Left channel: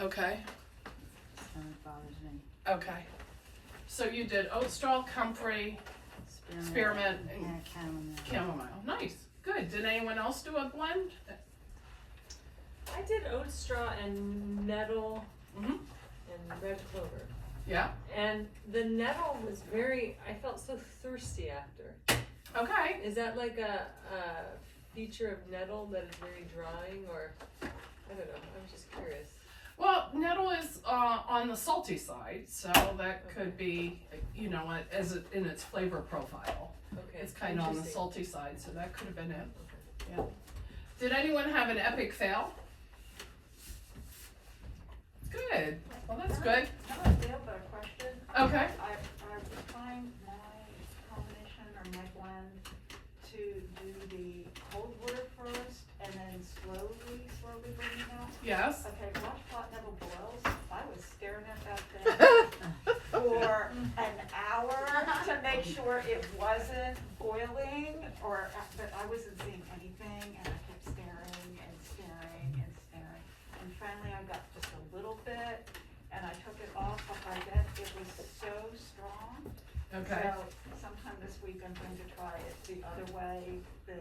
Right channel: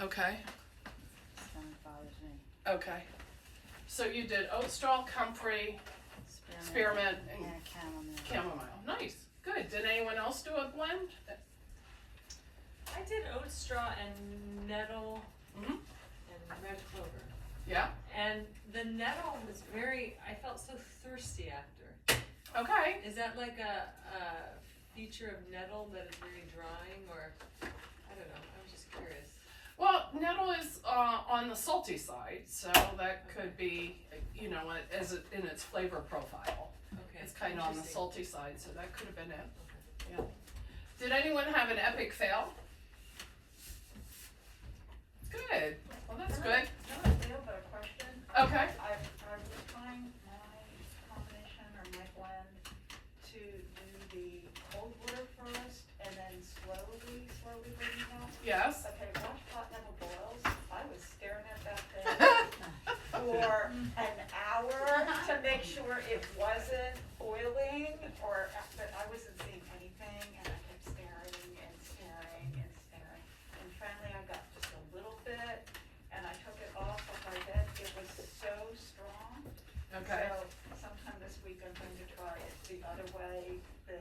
Okay. That bothers me. Okay. So you did oat straw, comfrey, spearmint, and chamomile. Nice. Good. Did anyone else do a blend? I did oat straw and nettle Mm-hmm. and red clover. Yeah. And the nettle was I felt so thirsty after. Okay. Is that like a feature of nettle that is very drying, or I don't know, I'm just curious. Well, nettle is on the salty side, so that could be, you know, in its flavor profile. Okay. It's kind of on the interesting. salty side, so that could have been it. Okay. Yeah. Did anyone have an epic fail? Good. Well, that's good. Not a fail, but a question. Okay. I was trying my combination or my blend to do the cold water first and then slowly bring it out. Yes. Okay, watch pot never boils. I was staring at that thing for an hour to make sure it wasn't boiling, but I wasn't seeing anything, and I kept staring and staring and staring. And finally I got just a little bit, and I took it off like I did. It was so strong. Okay. So sometime this week I'm going to try it the other way, the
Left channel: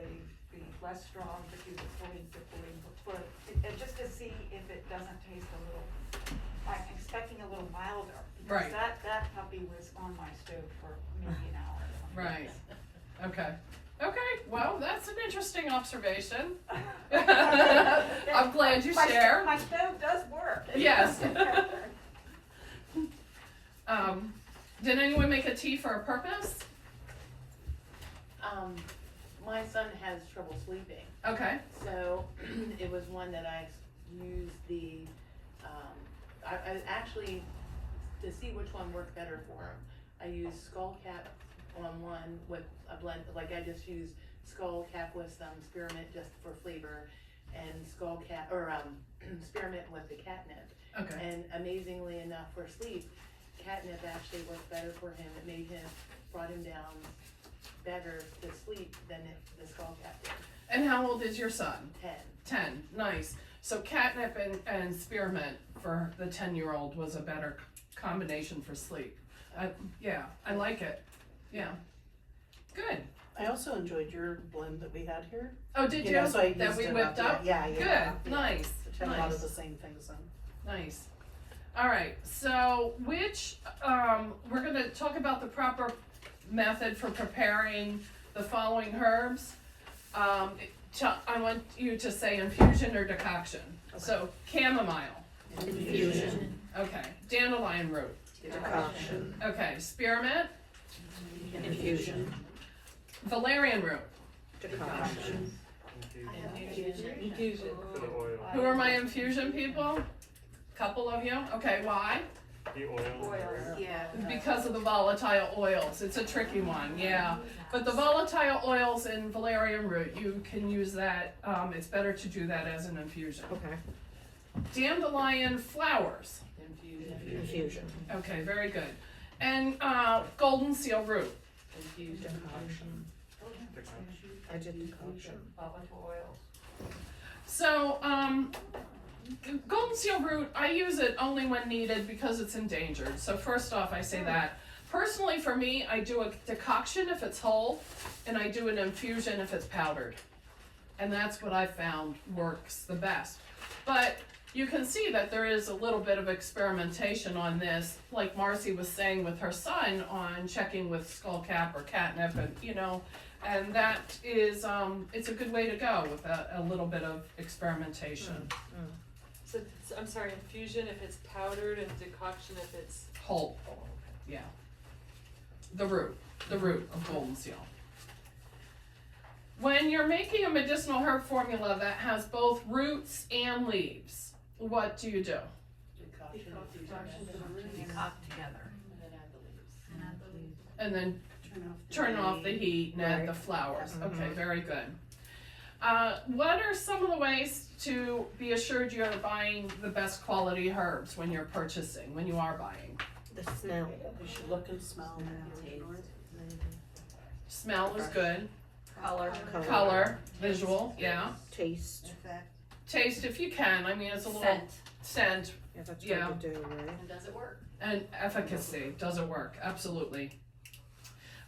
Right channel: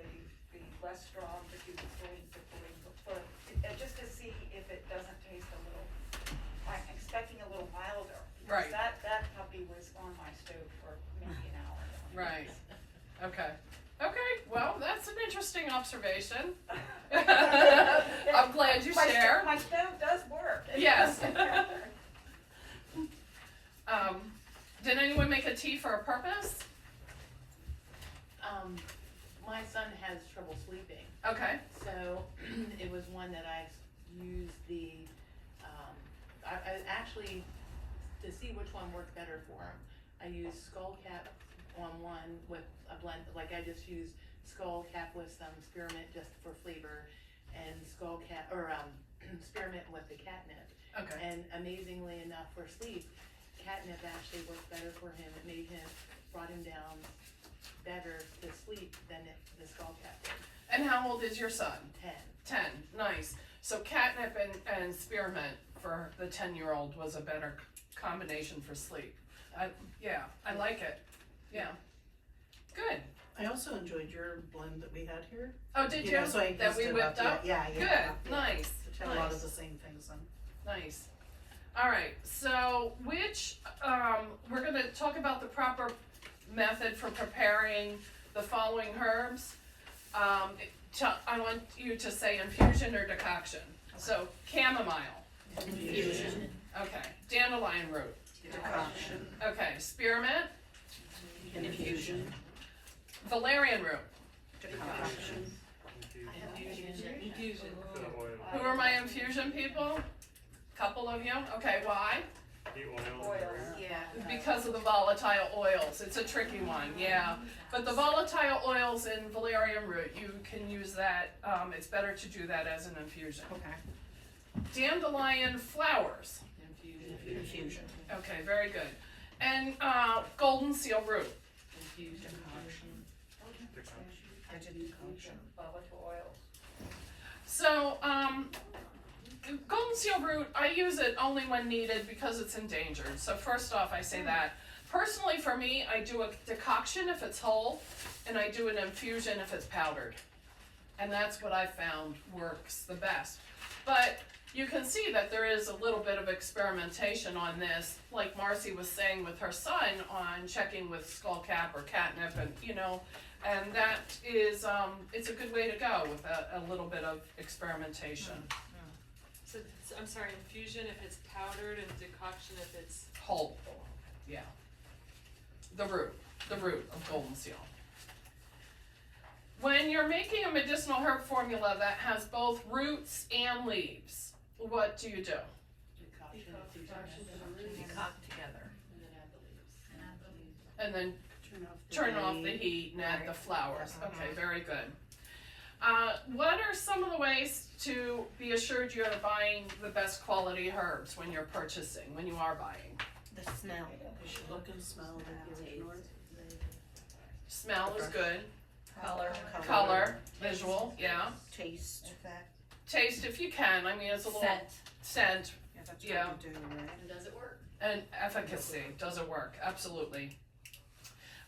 less strong, but do the 40 to 40, just to see if it doesn't taste a little, I'm expecting a little milder. Right. That puppy was on my stove for maybe an hour or something. Right. Okay. Okay. Well, that's an interesting observation. I'm glad you share. My stove does work. Yes. Did anyone make a tea for a purpose? My son has trouble sleeping, Okay. so it was one that I used I actually, to see which one worked better for him, I used skull cap on one with a blend, like I just used skull cap with some spearmint just for flavor, and skull cap, or spearmint with the catnip. Okay. And amazingly enough, for sleep, catnip actually worked better for him. It brought him down better to sleep than the skull cap did. And how old is your son? 10. 10. Nice. So catnip and spearmint for the 10-year-old was a better combination for sleep. I like it. Yeah. Good. I also enjoyed your blend that we had here. Oh, did you? know, so I That used we it whipped up? Yeah. Good. Nice. Which had a lot Nice. of the same things in. Nice. All right. So we're going to talk about the proper method for preparing the following herbs. I want you to say infusion or decoction. Okay. So chamomile. Infusion. Okay. Dandelion root. Decoction. Okay. Spearmint. Infusion. Valerian root. Decoction. Infusion. Who are my infusion people? Couple of you? Okay, why? The oil. Yeah. Because of the volatile oils. It's a tricky one, yeah. But the volatile oils in valerian root, you can use that, it's better to do that as an infusion. Okay. Dandelion flowers. Infusion. Okay, very good. And golden seal root. Infusion. I did decoction. Volatile oils. So, golden seal root, I use it only when needed because it's endangered. So first off, I say that. Personally, for me, I do a decoction if it's whole, and I do an infusion if it's powdered. And that's what I found works the best. But you can see that there is a little bit of experimentation on this, like Marcy was saying with her son on checking with skullcap or catnip, and that is, it's a good way to go with a little bit of experimentation. So I'm sorry, infusion if it's powdered and decoction if it's Whole, yeah. The root of golden seal. When you're making a medicinal herb formula that has both roots and leaves, what do you do? Decoction. Decoct together. And then add the leaves. And then turn off the heat and add the flowers. Okay, very good. What are some of the ways to be assured you're buying the best quality herbs when you're purchasing, when you are buying? The smell. You should look and smell. Smell is good. Color. Color, visual, yeah. Taste. taste if you can. I mean, it's a little scent Yeah, that's Yeah. good to do, right? And does it work? and efficacy. Does it work? Absolutely.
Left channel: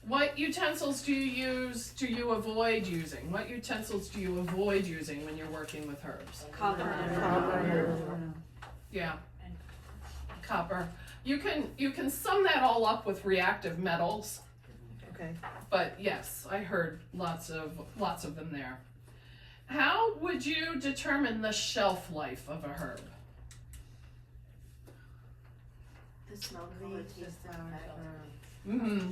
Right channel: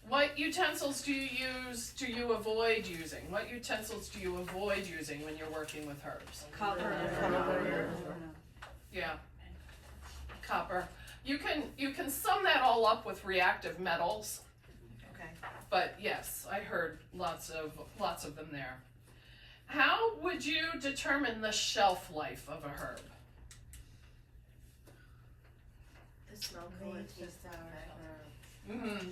What utensils do you use? Do you avoid using? What utensils do you avoid using when you're working with herbs? Copper. Yeah. Copper. You can sum that all up with reactive metals, Okay. but yes, I heard lots of them there. How would you determine the shelf life of a herb? The smell, color, taste,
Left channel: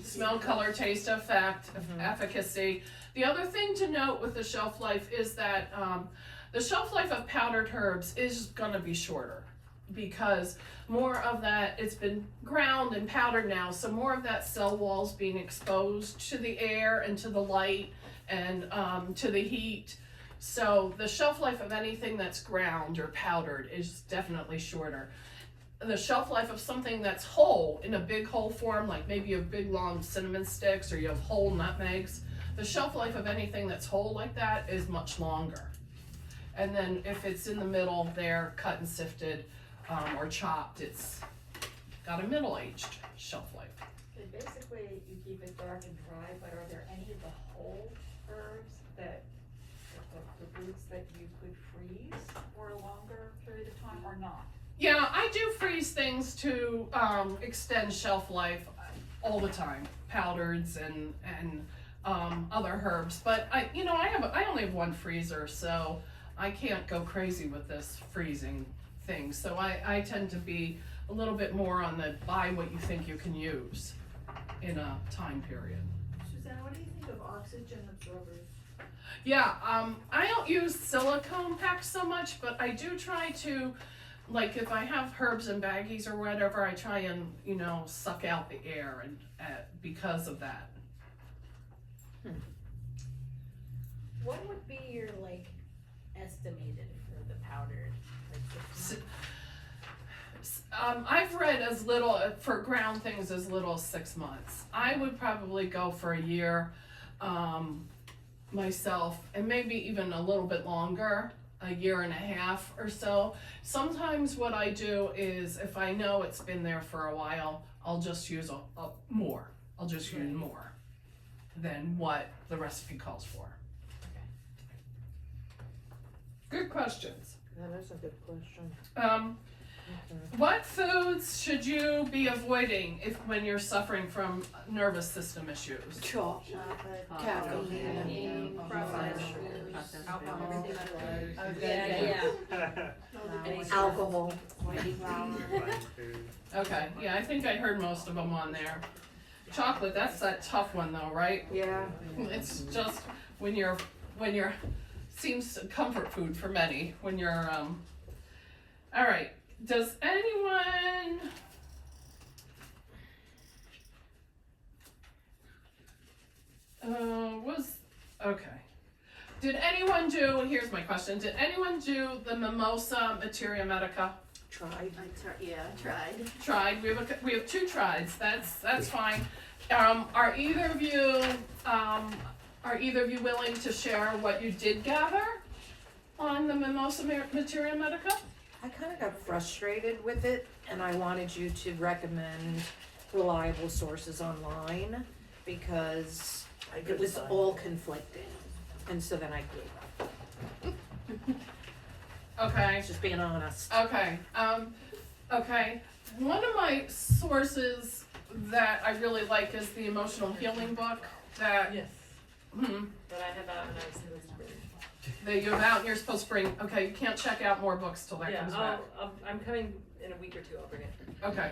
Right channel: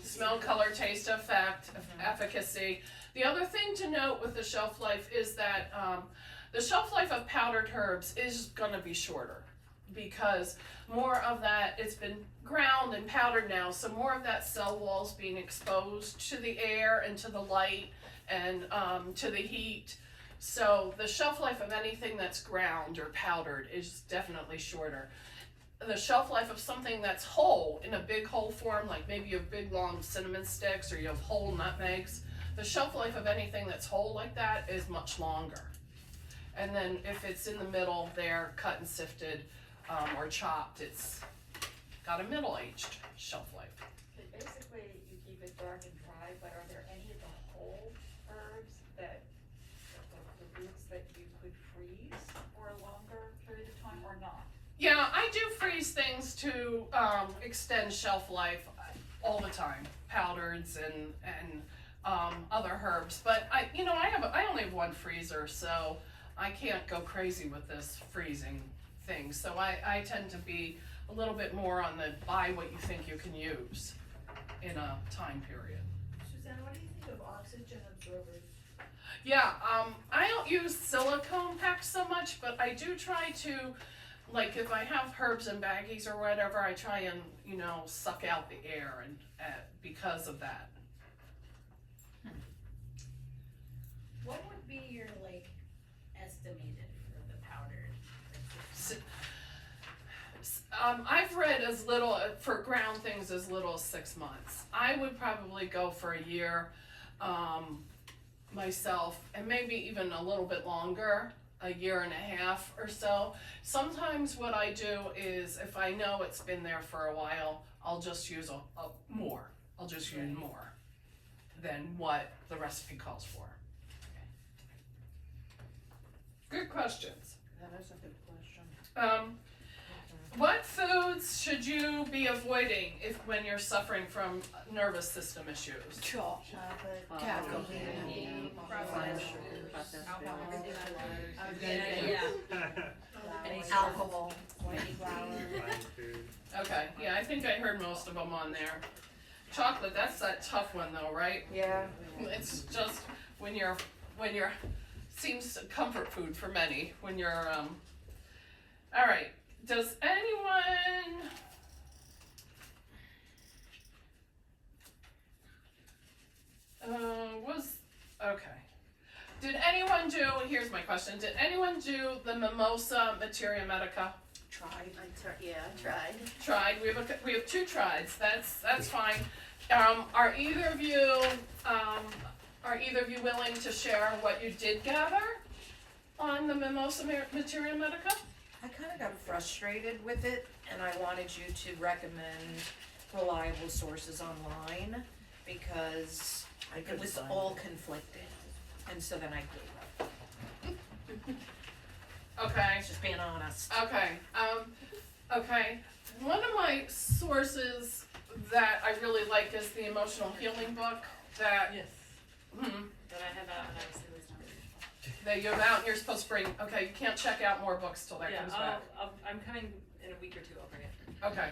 Smell, color, taste, effect, efficacy. The other thing to note with the shelf life is that the shelf life of powdered herbs is going to be shorter because more of that, it's been ground and powdered now, so more of that cell wall's being exposed to the air and to the light and to the heat. So the shelf life of anything that's ground or powdered is definitely shorter. The shelf life of something that's whole, in a big whole form, like maybe you have big long cinnamon sticks or you have whole nutmegs, the shelf life of anything that's whole like that is much longer. And then if it's in the middle there, cut and sifted or chopped, it's got a middle-aged shelf life. Okay, basically, you keep it dark and dry, but are there any of the whole herbs that, the roots that you could freeze for a longer period of time or not? Yeah, I do freeze things to extend shelf life all the time, powders and other herbs. But I only have one freezer, so I can't go crazy with this freezing thing. So I tend to be a little bit more on the buy what you think you can use in a time period. Suzanne, what do you think of oxygen absorbers? Yeah, I don't use silicone packs so much, but I do try to, like if I have herbs and baggies or whatever, I try and, suck out the air and because of that. What would be your estimated for the powdered? I've read as little for ground things as little as 6 months. I would probably go for a year myself, and maybe even a little bit longer, a year and a half or so. Sometimes what I do is if I know it's been there for a while, I'll just use more. I'll just use more than what the recipe calls for. Good questions. Yeah, that's a good question. What foods should you be avoiding when you're suffering from nervous system issues? Chocolate, caffeine, alcohol. Okay, yeah, I think I heard most of them on there. Chocolate, that's that tough one though, right? Yeah. It's just when you're seems comfort food for many when you're all right. Does anyone did anyone do, here's my question, did anyone do the mimosa materia medica? Tried. I tried. Tried. We have two trieds. That's fine. Are either of you willing to share what you did gather on the mimosa materia medica? I kind of got frustrated with it, and I wanted you to recommend reliable sources online because it was all conflicting, and so then I gave up. Okay. Just being honest. Okay. Okay. One of my sources that I really like is the emotional healing book that Yes, hmm, that I have out and I've seen this spring. that you have out and you're supposed to bring. Okay, you can't check out more books till that Yeah, comes back. I'm coming in a week or two, I'll bring it. Okay.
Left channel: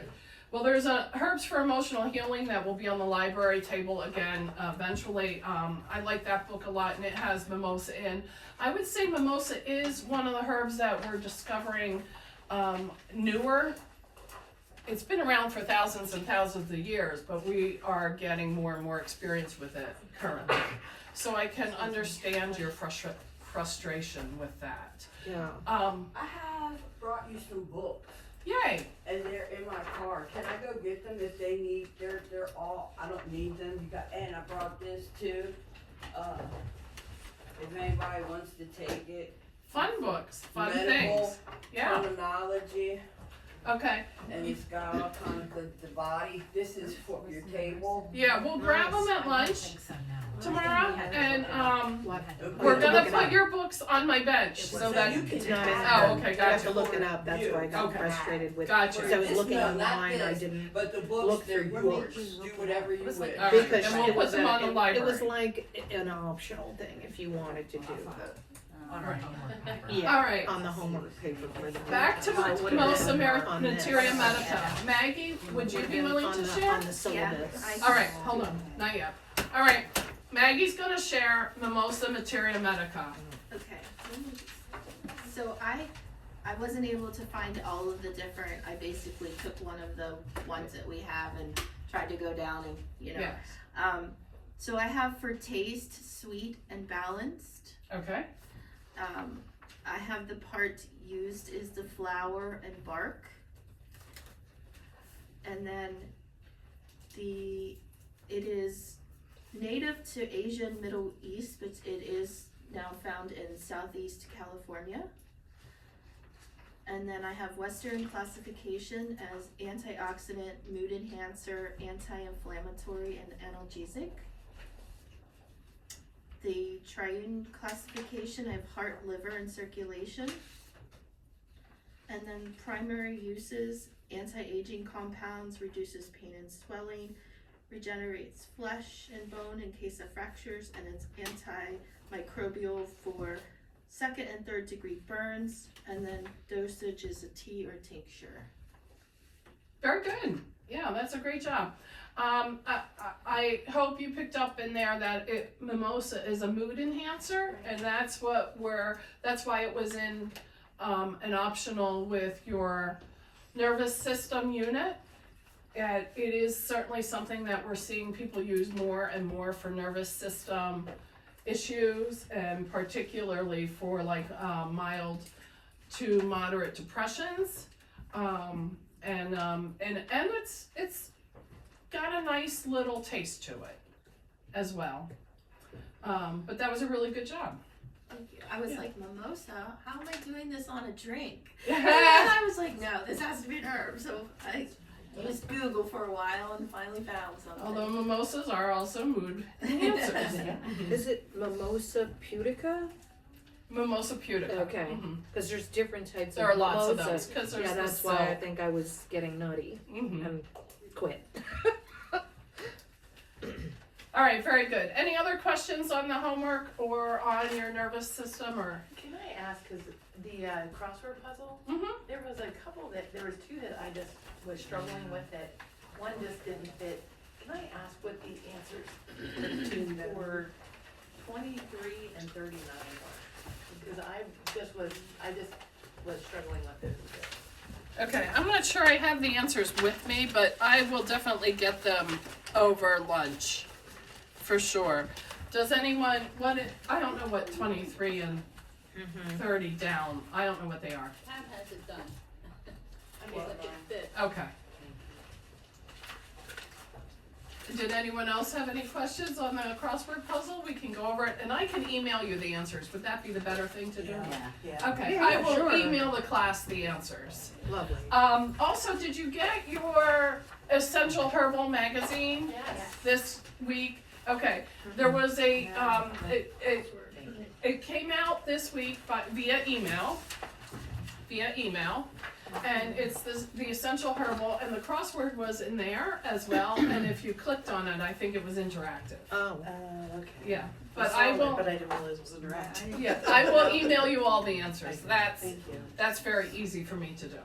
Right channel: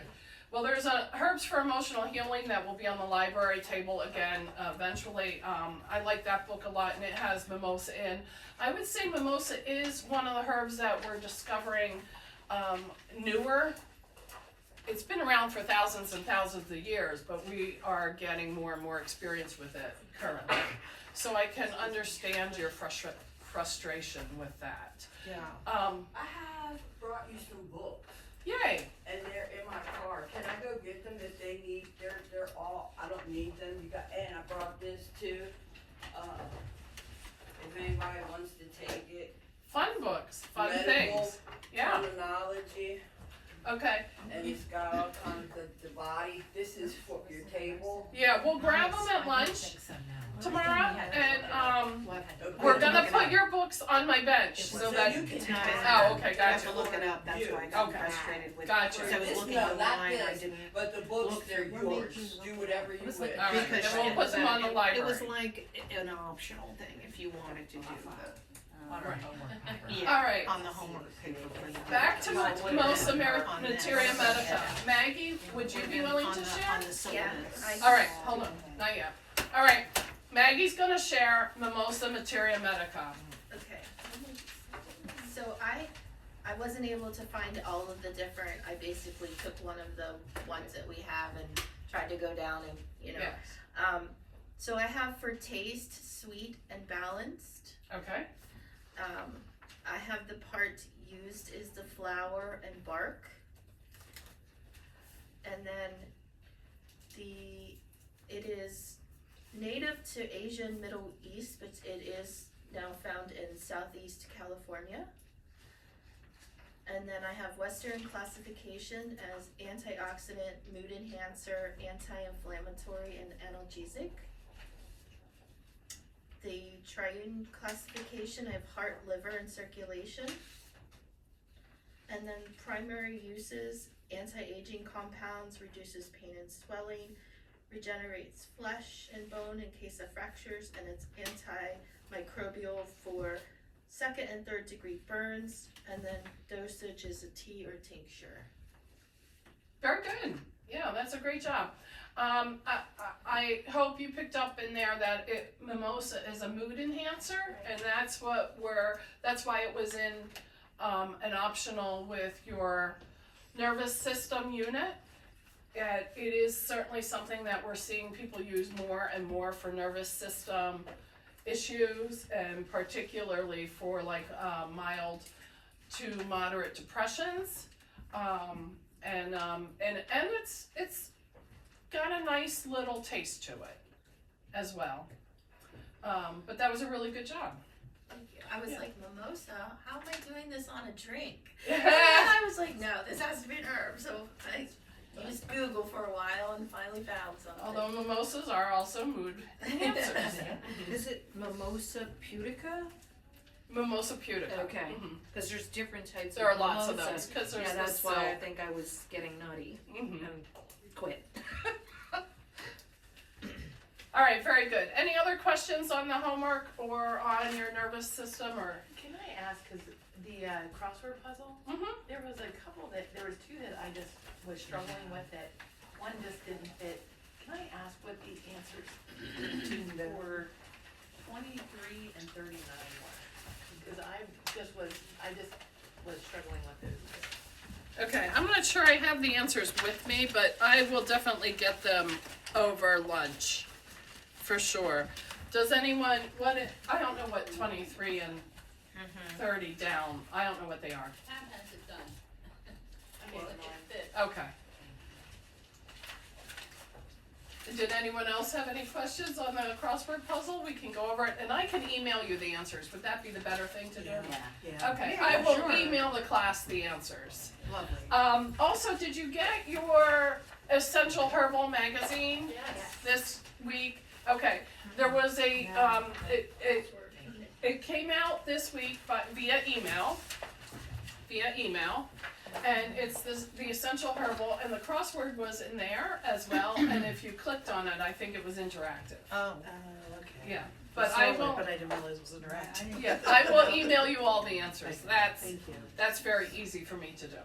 Well, there's a Herbs for Emotional Healing that will be on the library table again eventually. I like that book a lot, and it has mimosa in. I would say mimosa is one of the herbs that we're discovering newer. It's been around for thousands and thousands of years, but we are getting more and more experience with it currently. So I can understand your frustration with that. Yeah. I have brought you some books, Yay! and they're in my car. Can I go get them if they need? They're all. I don't need them. And I brought this too. If anybody wants to take it, Fun books, fun medical things. Yeah. terminology, Okay. and it's got all kinds of the body. This is for your table. Yeah, we'll grab them at lunch tomorrow, and we're to gonna look it put up. your books on my bench so that. you can It's not in Oh, there. okay, You have to gotcha. look it up, that's why I got Okay. frustrated with. Gotcha. Because I was This- looking no, not online, I this, didn't, But the look books, they're through yours. Do whatever you wish. All right, because then we'll it put was them on the it was library. like an optional thing if you wanted to do On our homework paper. the, All right. on the homework paper for the. Back to So what Most it is on this. Materia Medica. Maggie, would you be willing On to the- share? On the syllabus. I- All right, hold on, not yet. All right, Maggie's gonna share Mimosa Materia Medica. Okay. So I wasn't able to find all of the different, I basically took one of the ones that we have and tried to go down and, you know. Yes. So I have for taste, sweet and balanced. Okay, I have the part used is the flower and bark. And then it is native to Asia and Middle East, but it is now found in Southeast California. And then I have Western classification as antioxidant, mood enhancer, anti-inflammatory, and analgesic. The triune classification, I have heart, liver, and circulation. And then primary uses, anti-aging compounds, reduces pain and swelling, regenerates flesh and bone in case of fractures, and it's antimicrobial for second and third degree burns, and then dosage is a tea or tincture. very good. Yeah, that's a great job. I hope you picked up in there that Mimosa is a mood enhancer, and that's why it was in an optional with your nervous system unit. It is certainly something that we're seeing people use more and more for nervous system issues, and particularly for like mild to moderate depressions, and it's got a nice little taste to it as well. But that was a really good job. Thank you. I was Yeah. like, mimosa? How am I doing this on a drink? Yeah. And then I was like, no, this has to be an herb. So I used Google for a while and finally found something. Although mimosas are also mood enhancers. Is it Mimosa pudica? Mimosa pudica. Okay. Mhm. Cause there's different types There are of lots of mimosa. those, 'cause there's Yeah, the that's why I silk. think I was getting nutty Mhm. and quit. All right, very good. Any other questions on the homework or on your nervous system or? Can I ask, cause the crossword puzzle, Mhm. there was two that I just was struggling with that one just didn't fit. Can I ask what the answers for 23 and 39 were? Because I just was struggling with those a bit. Okay, I'm not sure I have the answers with me, but I will definitely get them over lunch, for sure. Does anyone, I don't know what 23 and 30 down, I don't know what they are. Pam has it done. Okay, Well, it fit. Okay. Did anyone else have any questions on the crossword puzzle? We can go over it, and I can email you the answers. Would that be the better thing to do? Yeah. Okay, Yeah, I will sure. email the class the answers. Lovely. Also, did you get your Essential Herbal magazine Yes. this week? Okay, there was a, it came out this week via email, and it's the Essential Herbal, and the crossword was in there as well, and if you clicked on it, I think it was interactive. Oh. Okay. Yeah, but I will, But I didn't realize it was interactive. yeah, I will email you all the answers. Thank you. That's very easy for me to do.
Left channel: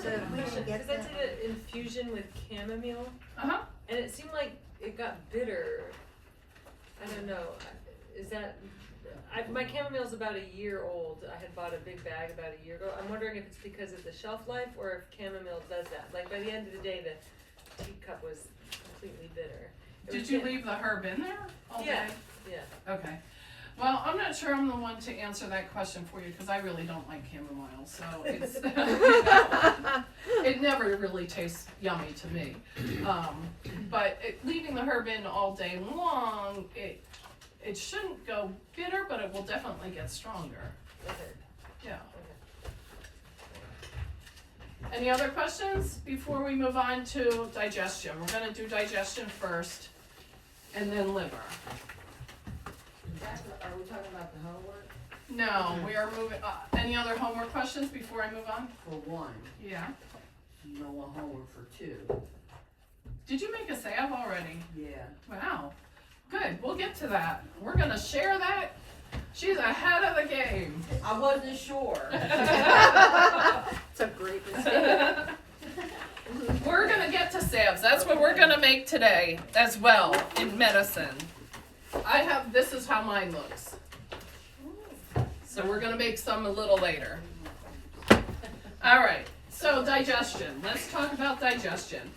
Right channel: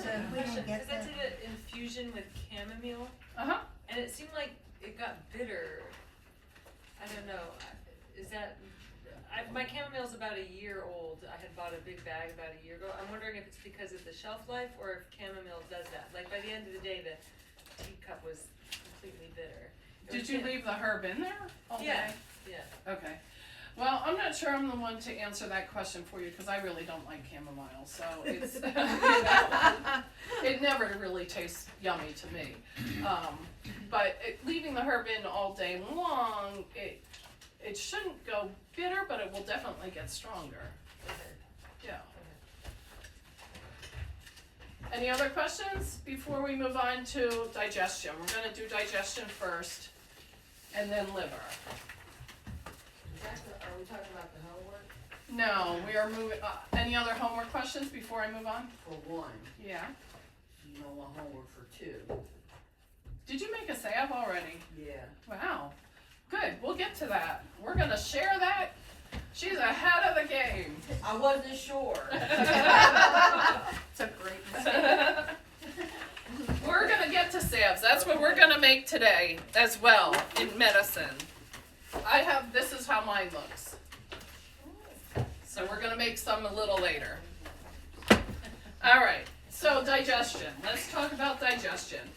So, because I did an infusion with chamomile, Uh-huh. and it seemed like it got bitter. I don't know, is that, my chamomile's about a year old. I had bought a big bag about a year ago. I'm wondering if it's because of the shelf life or if chamomile does that. Like by the end of the day, the teacup was completely bitter. It Did was you ca- leave the herb in there all day? Yeah, yeah. Okay. Well, I'm not sure I'm the one to answer that question for you because I really don't like chamomile, so it's, you know, it never really tastes yummy to me. But leaving the herb in all day long, it shouldn't go bitter, but it will definitely get stronger. Okay. Yeah. Any other questions before we move on to digestion? We're gonna do digestion first, and then liver. Are we talking about the homework? No, we are moving, any other homework questions before I move on? For one, Yeah. you don't want homework for two. Did you make a save already? Yeah. Wow. Good, we'll get to that. We're gonna share that. She's ahead of the game. I wasn't sure. It's a great mistake. We're gonna get to SABs. That's what we're gonna make today as well in medicine. This is how mine looks. So we're gonna make some a little later. All right, so digestion. Let's talk about digestion.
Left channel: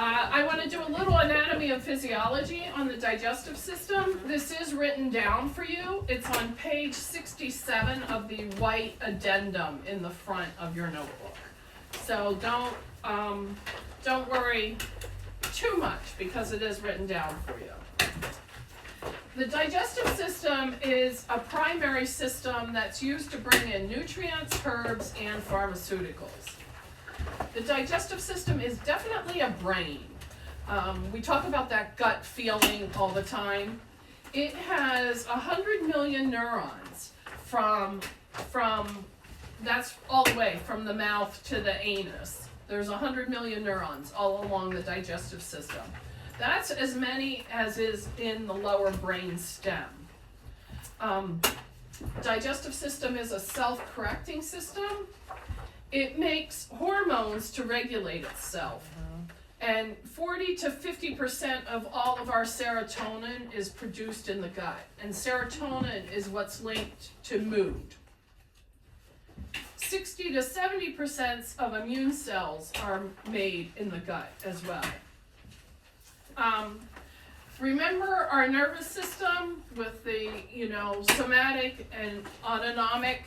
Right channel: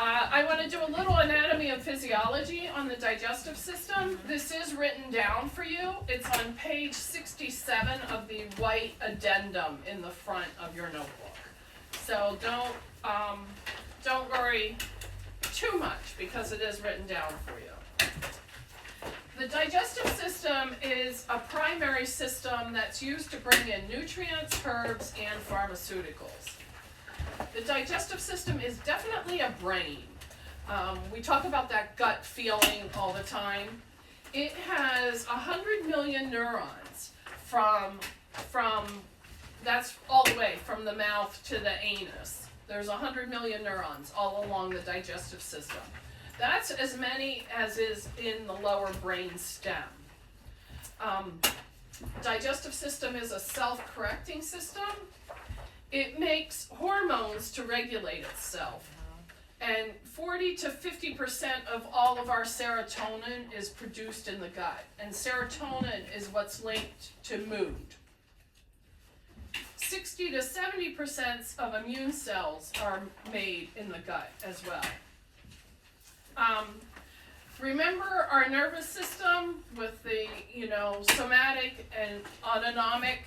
I want to do a little anatomy and physiology on the digestive system. This is written down for you. It's on page 67 of the white addendum in the front of your notebook. So don't worry too much because it is written down for you. The digestive system is a primary system that's used to bring in nutrients, herbs, and pharmaceuticals. The digestive system is definitely a brain. We talk about that gut feeling all the time. It has 100 million neurons from that's all the way from the mouth to the anus. There's 100 million neurons all along the digestive system. That's as many as is in the lower brain stem. Digestive system is a self-correcting system. It makes hormones to regulate itself. And 40 to 50% of all of our serotonin is produced in the gut. And serotonin is what's linked to mood. 60 to 70% of immune cells are made in the gut as well. Remember our nervous system with the, somatic and autonomic?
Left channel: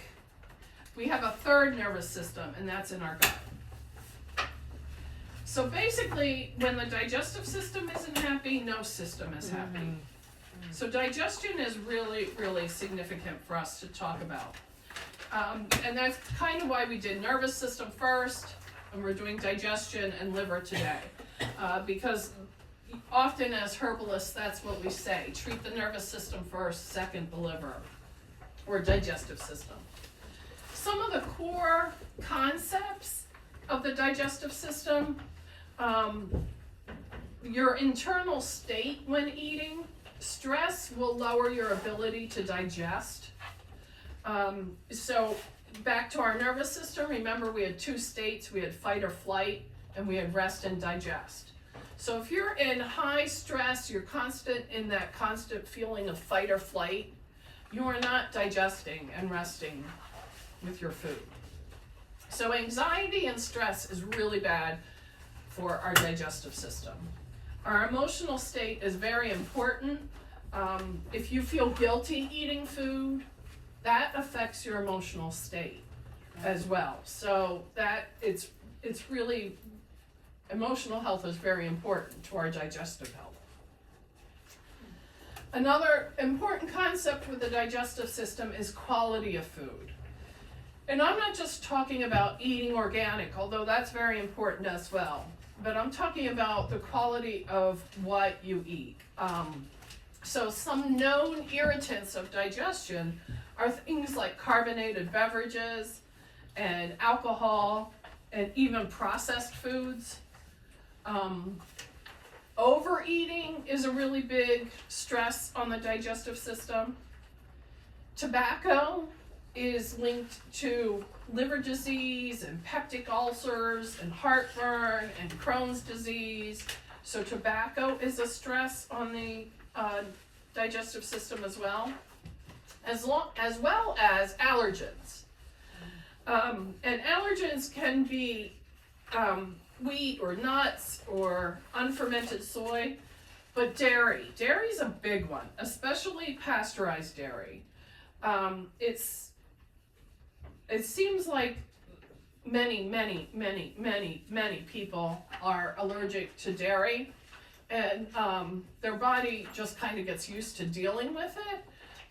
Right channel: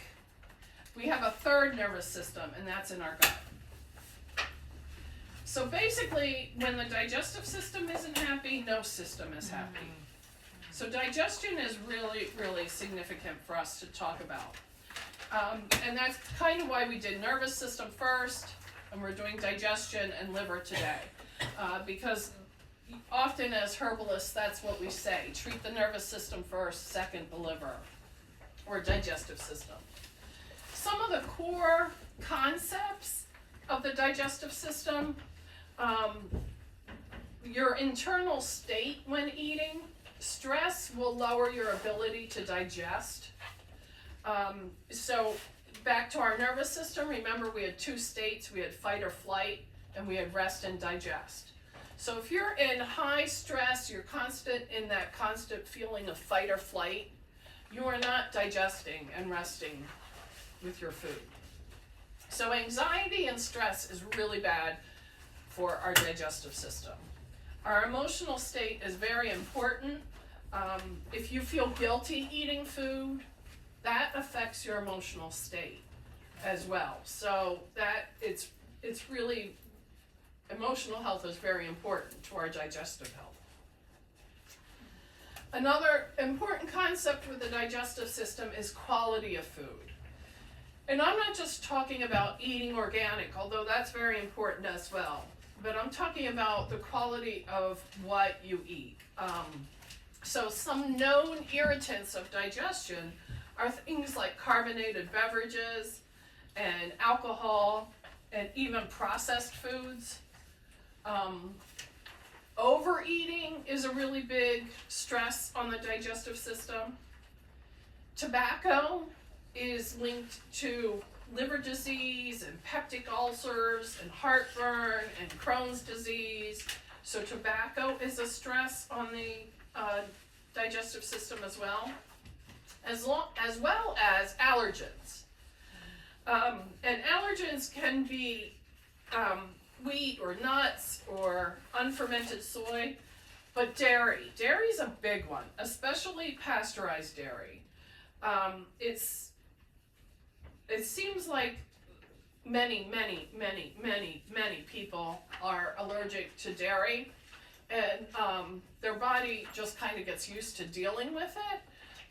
We have a third nervous system, and that's in our gut. So basically, when the digestive system isn't happy, no system is happy. So digestion is really, really significant for us to talk about. And that's kind of why we did nervous system first, and we're doing digestion and liver today. Because often as herbalists, that's what we say. Treat the nervous system first, second the liver, or digestive system. Some of the core concepts of the digestive system, your internal state when eating. Stress will lower your ability to digest. So back to our nervous system, remember we had two states. We had fight or flight, and we had rest and digest. So if you're in high stress, you're in that constant feeling of fight or flight, you are not digesting and resting with your food. So anxiety and stress is really bad for our digestive system. Our emotional state is very important. If you feel guilty eating food, that affects your emotional state as well. So that it's really, emotional health is very important to our digestive health. Another important concept with the digestive system is quality of food. And I'm not just talking about eating organic, although that's very important as well. But I'm talking about the quality of what you eat. So some known irritants of digestion are things like carbonated beverages and alcohol and even processed foods. Overeating is a really big stress on the digestive system. Tobacco is linked to liver disease and peptic ulcers and heartburn and Crohn's disease. So tobacco is a stress on the digestive system as well as allergens. And allergens can be wheat or nuts or unfermented soy, but dairy. Dairy is a big one, especially pasteurized dairy. It seems like many people are allergic to dairy, and their body just kind of gets used to dealing with it.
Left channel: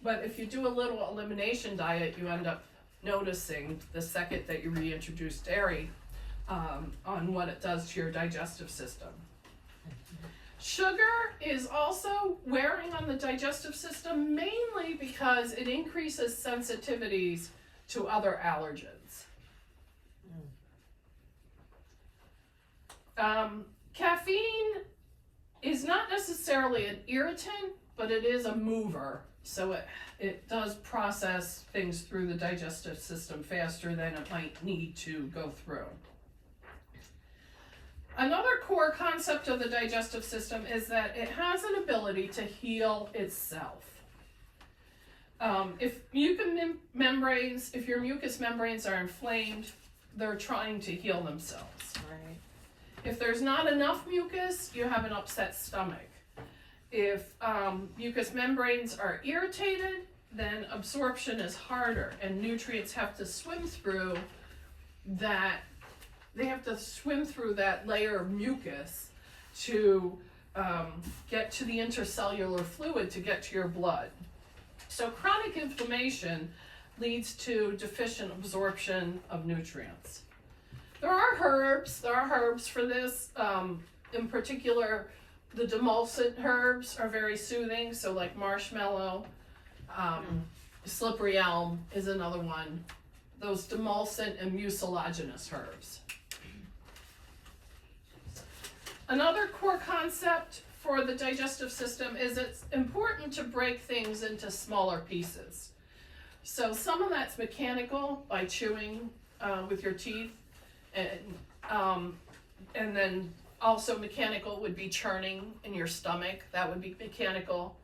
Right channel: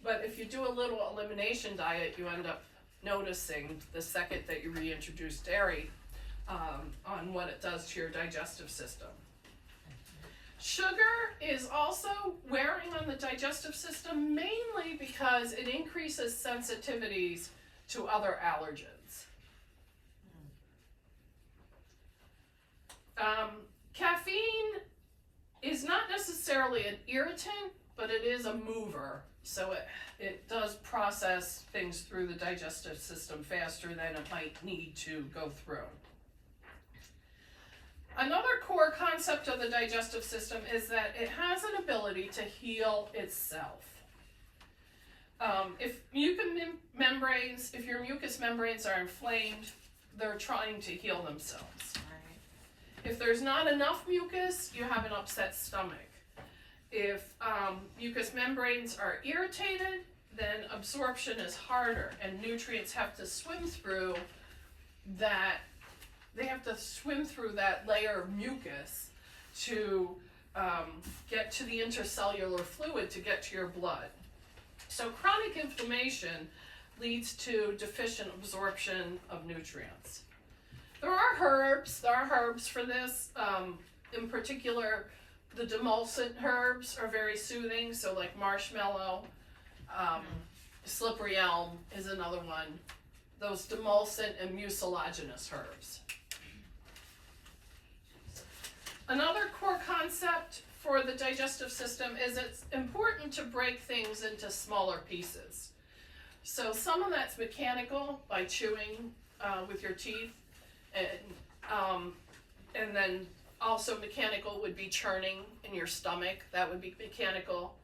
But if you do a little elimination diet, you end up noticing the second that you reintroduce dairy on what it does to your digestive system. Sugar is also wearing on the digestive system mainly because it increases sensitivities to other allergens. Caffeine is not necessarily an irritant, but it is a mover. So it does process things through the digestive system faster than it might need to go through. Another core concept of the digestive system is that it has an ability to heal itself. If your mucous membranes are inflamed, they're trying to heal themselves. Right. If there's not enough mucus, you have an upset stomach. If mucous membranes are irritated, then absorption is harder and nutrients have to swim through that. They have to swim through that layer of mucus to get to the intercellular fluid to get to your blood. So chronic inflammation leads to deficient absorption of nutrients. There are herbs for this. In particular, the demulcent herbs are very soothing, so like marshmallow, slippery elm is another one. Those demulcent and mucilaginous herbs. Another core concept for the digestive system is it's important to break things into smaller pieces. So some of that's mechanical by chewing with your teeth, and then also mechanical would be churning in your stomach. That would be mechanical.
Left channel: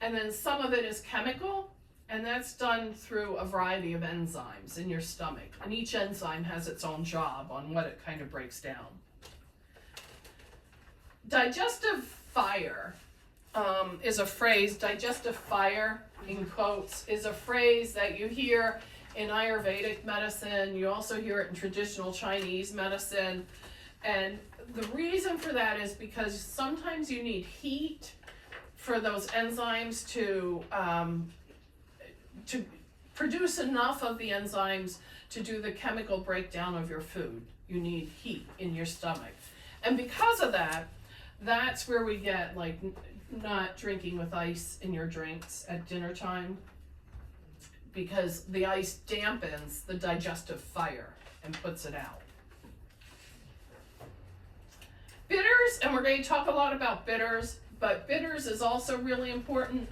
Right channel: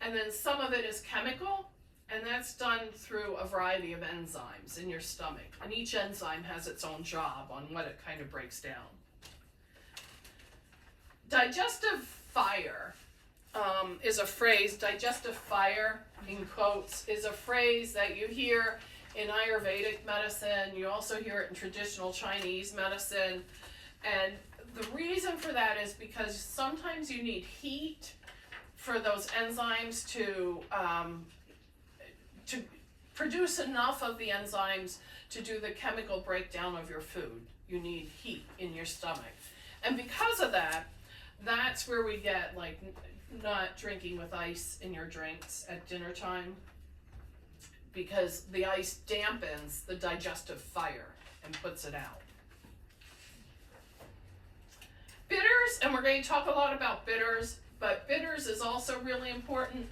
And then some of it is chemical, and that's done through a variety of enzymes in your stomach. And each enzyme has its own job on what it kind of breaks down. Digestive fire is a phrase, digestive fire, in quotes, is a phrase that you hear in Ayurvedic medicine. You also hear it in traditional Chinese medicine. And the reason for that is because sometimes you need heat for those enzymes to produce enough of the enzymes to do the chemical breakdown of your food. You need heat in your stomach. And because of that, that's where we get like not drinking with ice in your drinks at dinner time, because the ice dampens the digestive fire and puts it out. Bitters, and we're going to talk a lot about bitters, but bitters is also really important.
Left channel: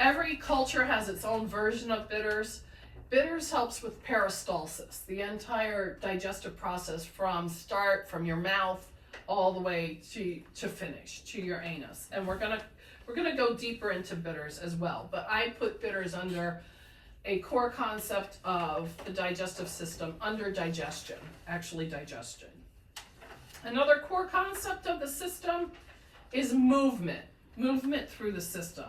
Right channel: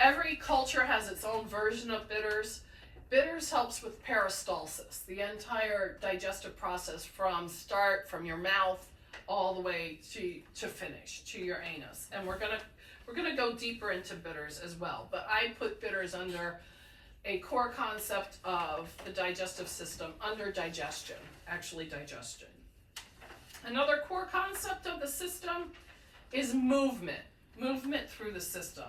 Every culture has its own version of bitters. Bitters helps with peristalsis, the entire digestive process from your mouth all the way to finish, to your anus. And we're gonna go deeper into bitters as well. But I put bitters under a core concept of the digestive system under digestion, actually digestion. Another core concept of the system is movement through the system.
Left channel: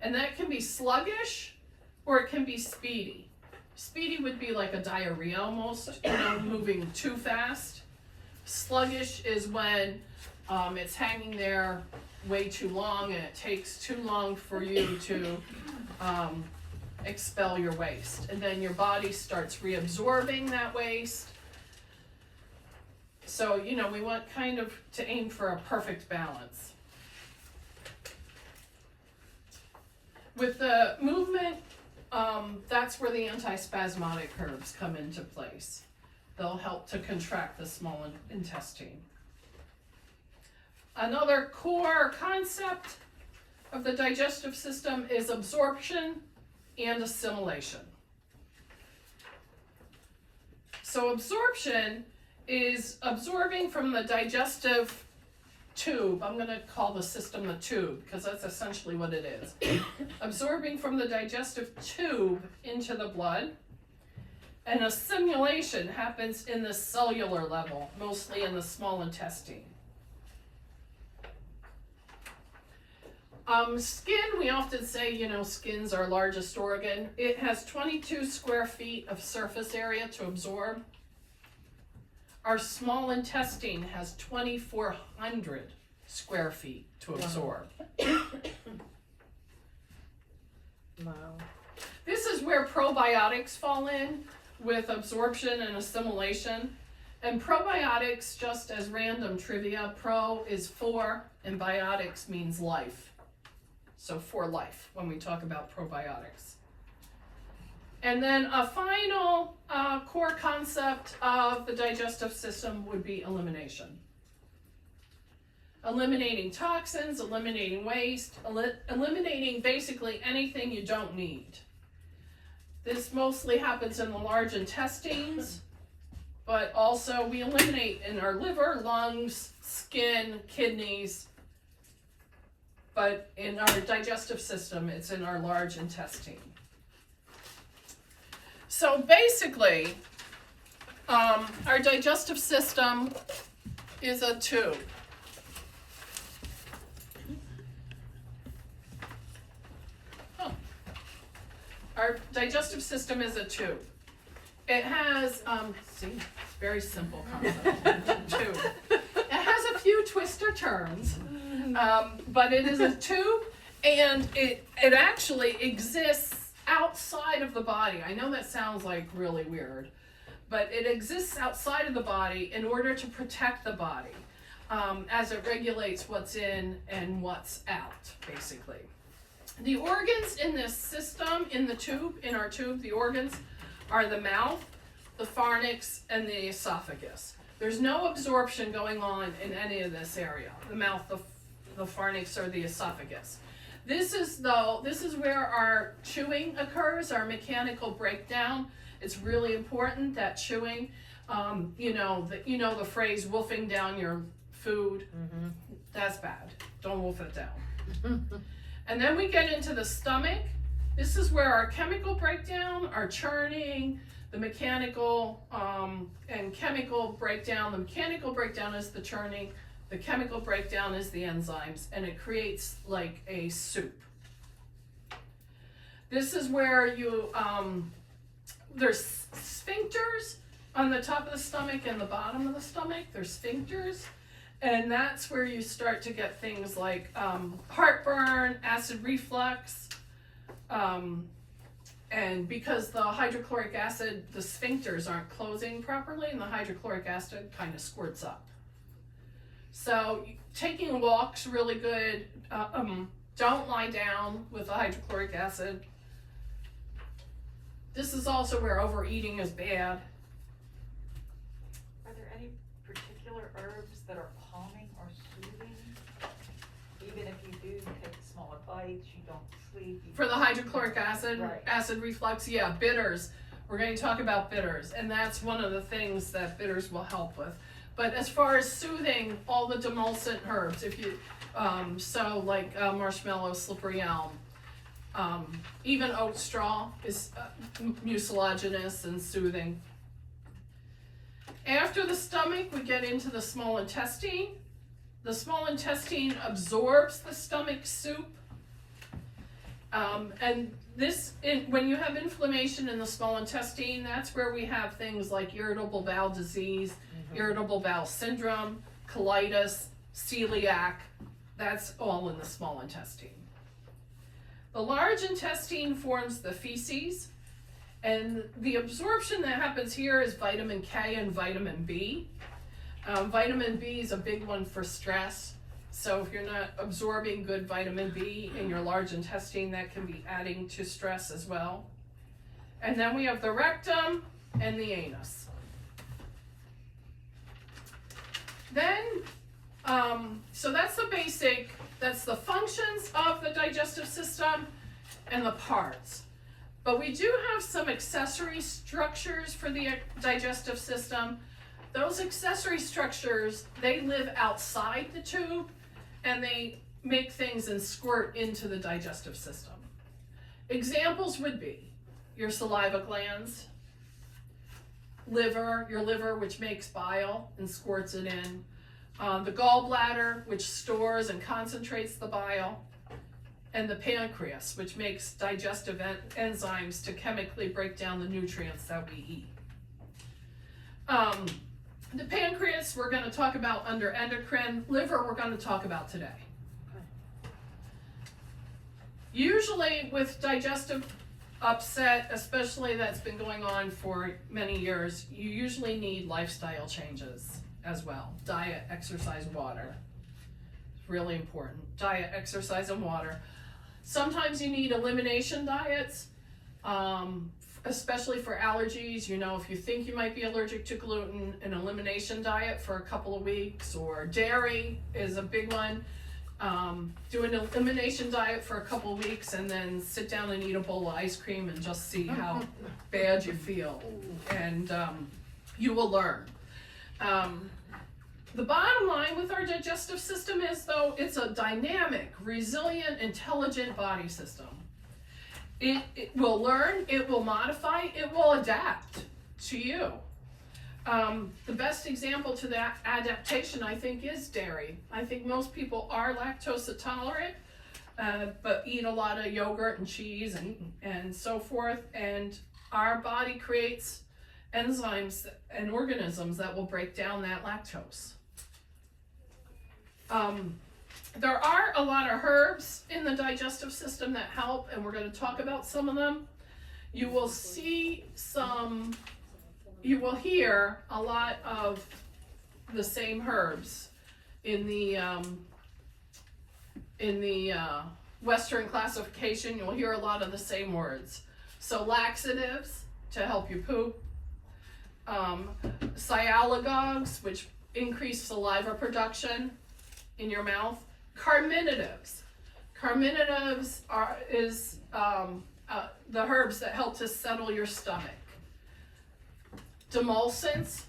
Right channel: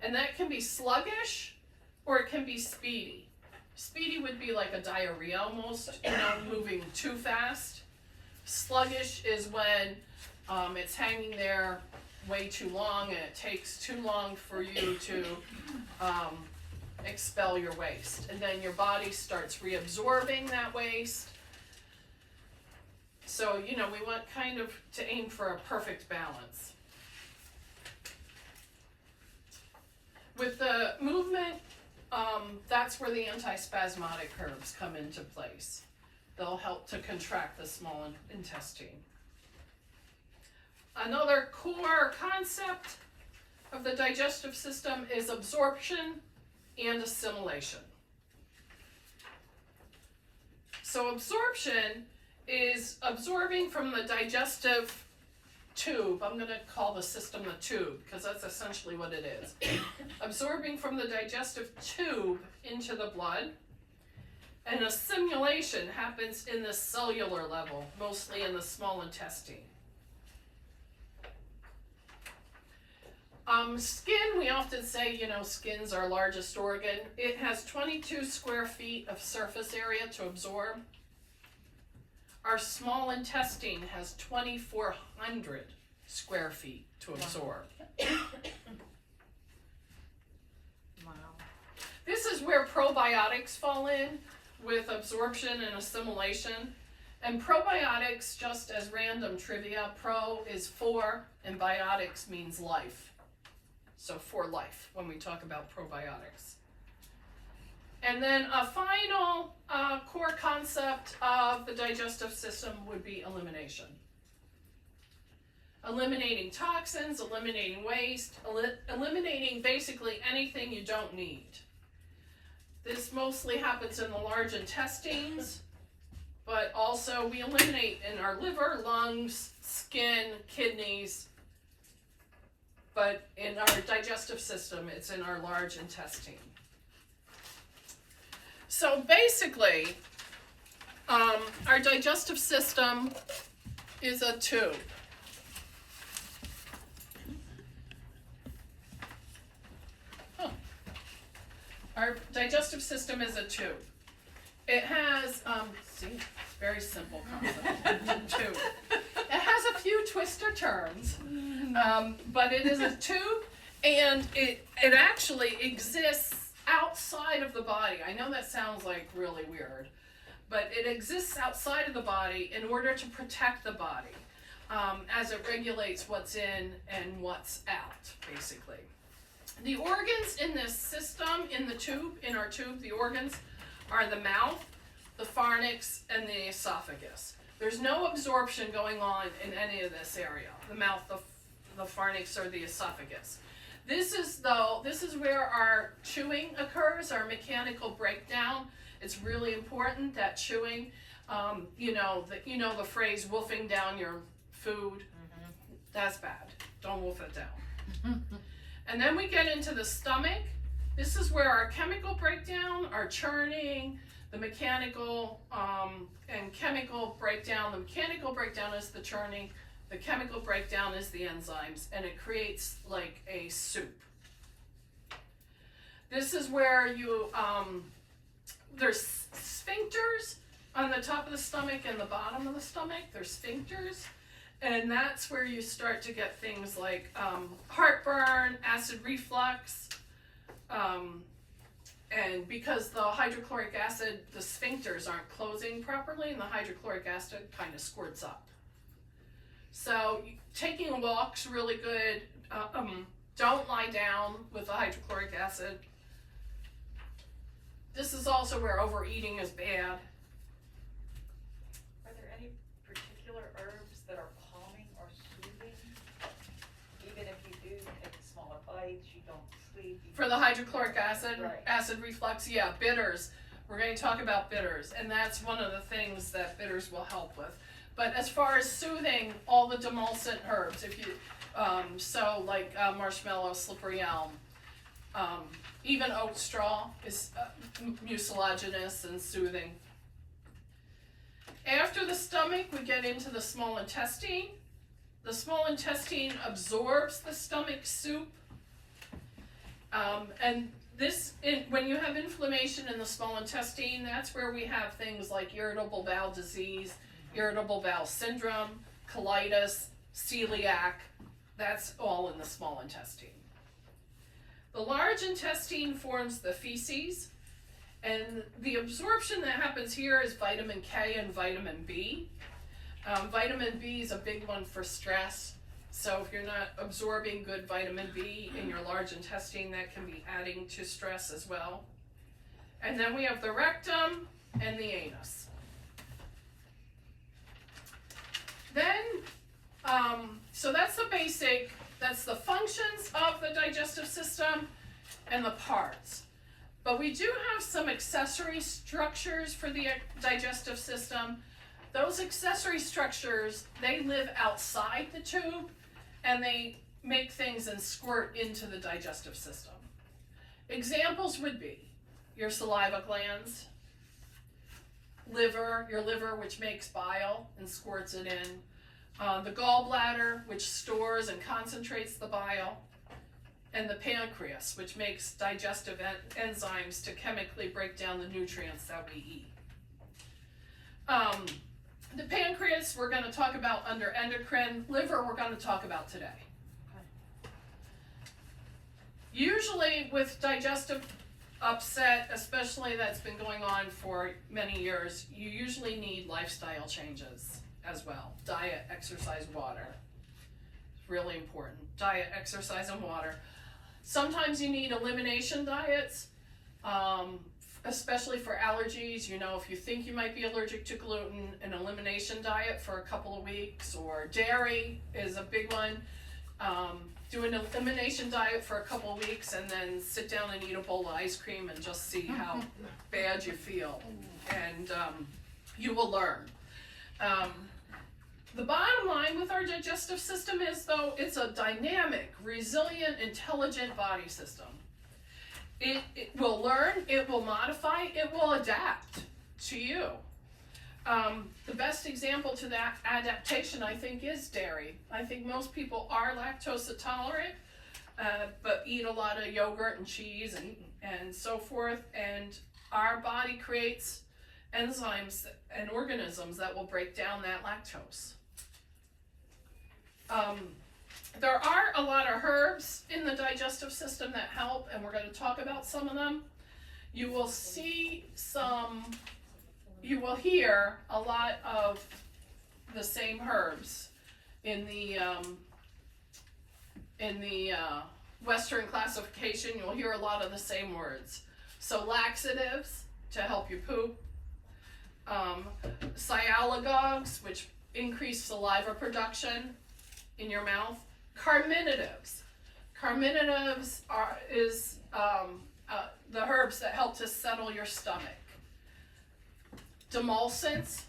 And that can be sluggish or it can be speedy. Speedy would be like a diarrhea almost, moving too fast. Sluggish is when it's hanging there way too long and it takes too long for you to expel your waste. And then your body starts reabsorbing that waste. So, we want kind of to aim for a perfect balance. With the movement, that's where the antispasmodic herbs come into place. They'll help to contract the small intestine. Another core concept of the digestive system is absorption and assimilation. So absorption is absorbing from the digestive tube. I'm going to call the system the tube because that's essentially what it is. Absorbing from the digestive tube into the blood. And assimilation happens in the cellular level, mostly in the small intestine. Skin, we often say, skin's our largest organ. It has 22 square feet of surface area to absorb. Our small intestine has 2,400 square feet to absorb. Wow. This is where probiotics fall in with absorption and assimilation. And probiotics, just as random trivia, pro is for, and biotics means life. So for life, when we talk about probiotics. And then a final core concept of the digestive system would be elimination. Eliminating toxins, eliminating waste, eliminating basically anything you don't need. This mostly happens in the large intestines, but also we eliminate in our liver, lungs, skin, kidneys, but in our digestive system, it's in our large intestine. So basically, our digestive system is a tube. Our digestive system is a tube. It has, very simple concept, tube. It has a few twister turns, but it is a tube, and it actually exists outside of the body. I know that sounds like really weird, but it exists outside of the body in order to protect the body, as it regulates what's in and what's out, basically. The organs in this system, in our tube, the organs are the mouth, the pharynx, and the esophagus. There's no absorption going on in any of this area, the mouth, the pharynx, or the esophagus. This is where our chewing occurs, our mechanical breakdown. It's really important that chewing, the phrase wolfing down your food, that's bad. Don't wolf it down. And then we get into the stomach. This is where our chemical breakdown, our churning, the mechanical and chemical breakdown. The mechanical breakdown is the churning. The chemical breakdown is the enzymes, and it creates like a soup. This is where there's sphincters on the top of the stomach and the bottom of the stomach. There's sphincters. And that's where you start to get things like heartburn, acid reflux, and because the hydrochloric acid, the sphincters aren't closing properly, and the hydrochloric acid kind of squirts up. So taking a walk's really good. Don't lie down with the hydrochloric acid. This is also where overeating is bad. Are there any particular herbs that are calming or soothing? Even if you do take smaller bites, you don't sleep. For the hydrochloric acid, Right. acid reflux, yeah, bitters. We're going to talk about bitters, and that's one of the things that bitters will help with. But as far as soothing, all the demulcent herbs, if you, marshmallow, slippery elm, even oat straw is mucilaginous and soothing. After the stomach, we get into the small intestine. The small intestine absorbs the stomach soup. And when you have inflammation in the small intestine, that's where we have things like irritable bowel disease, irritable bowel syndrome, colitis, celiac. That's all in the small intestine. The large intestine forms the feces, and the absorption that happens here is vitamin K and vitamin B. Vitamin B is a big one for stress. So if you're not absorbing good vitamin B in your large intestine, that can be adding to stress as well. And then we have the rectum and the anus. Then, so that's the functions of the digestive system and the parts. But we do have some accessory structures for the digestive system. Those accessory structures, they live outside the tube, and they make things and squirt into the digestive system. Examples would be your saliva glands, your liver, which makes bile and squirts it in, the gallbladder, which stores and concentrates the bile, and the pancreas, which makes digestive enzymes to chemically break down the nutrients that we eat. The pancreas we're going to talk about under endocrine. Liver we're going to talk about today. Usually with digestive upset, especially that's been going on for many years, you usually need lifestyle changes as well. Diet, exercise, water. Really important. Diet, exercise, and water. Sometimes you need elimination diets, especially for allergies. You know, if you think you might be allergic to gluten, an elimination diet for a couple of weeks, or dairy is a big one. Do an elimination diet for a couple of weeks and then sit down and eat a bowl of ice cream and just see how bad you feel. And you will learn. The bottom line with our digestive system is, though, it's a dynamic, resilient, intelligent body system. It will learn, it will modify, it will adapt to you. The best example to that adaptation, I think, is dairy. I think most people are lactose intolerant, but eat a lot of yogurt and cheese and so forth, and our body creates enzymes and organisms that will break down that lactose. There are a lot of herbs in the digestive system that help, and we're going to talk about some of them. You will see you will hear a lot of the same herbs in the Western classification. You'll hear a lot of the same words. So laxatives to help you poop, sialagogues, which increase saliva production in your mouth. Carminatives. Carminatives is the herbs that help to settle your stomach. Demulcents,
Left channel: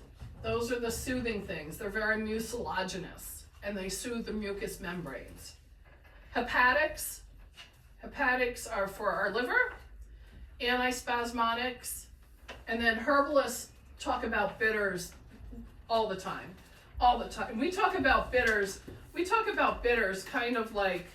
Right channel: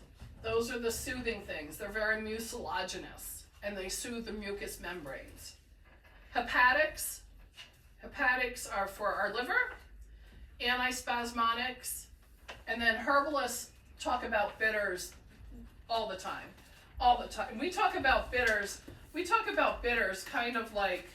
those are the soothing things. They're very mucilaginous and they soothe the mucous membranes. Hepatics are for our liver. Antispasmodics, and then herbalists talk about bitters all the time. We talk about bitters kind of like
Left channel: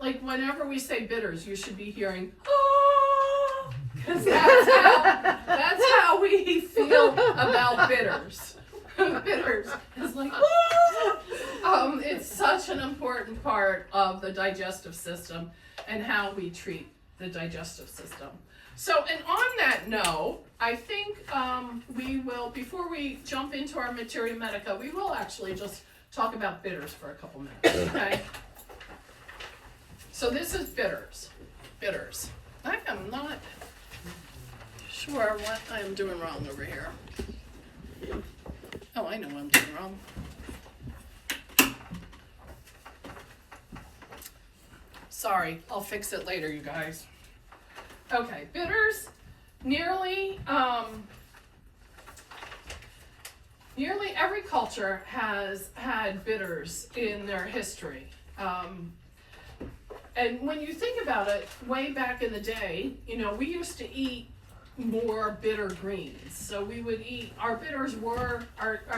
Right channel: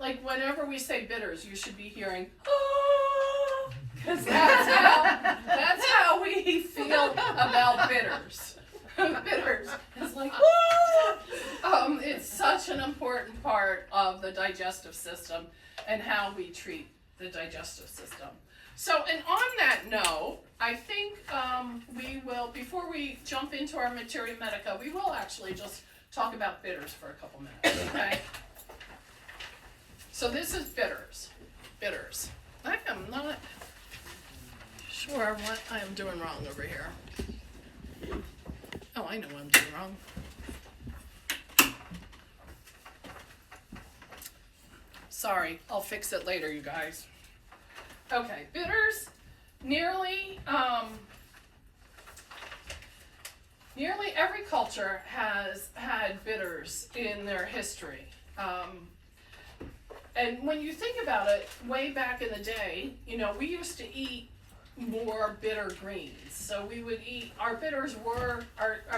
whenever we say bitters, you should be hearing, oh, because that's how we feel about bitters. Bitters. It's like, oh! It's such an important part of the digestive system and how we treat the digestive system. So, and on that note, I think we will, before we jump into our materia medica, we will actually just talk about bitters for a couple minutes, okay? So this is bitters. Bitters. I am not sure what I am doing wrong over here. Oh, I know what I'm doing wrong. Sorry, I'll fix it later, you guys. Okay, bitters, nearly every culture has had bitters in their history. And when you think about it, way back in the day, you know, we used to eat more bitter greens. So we would eat, our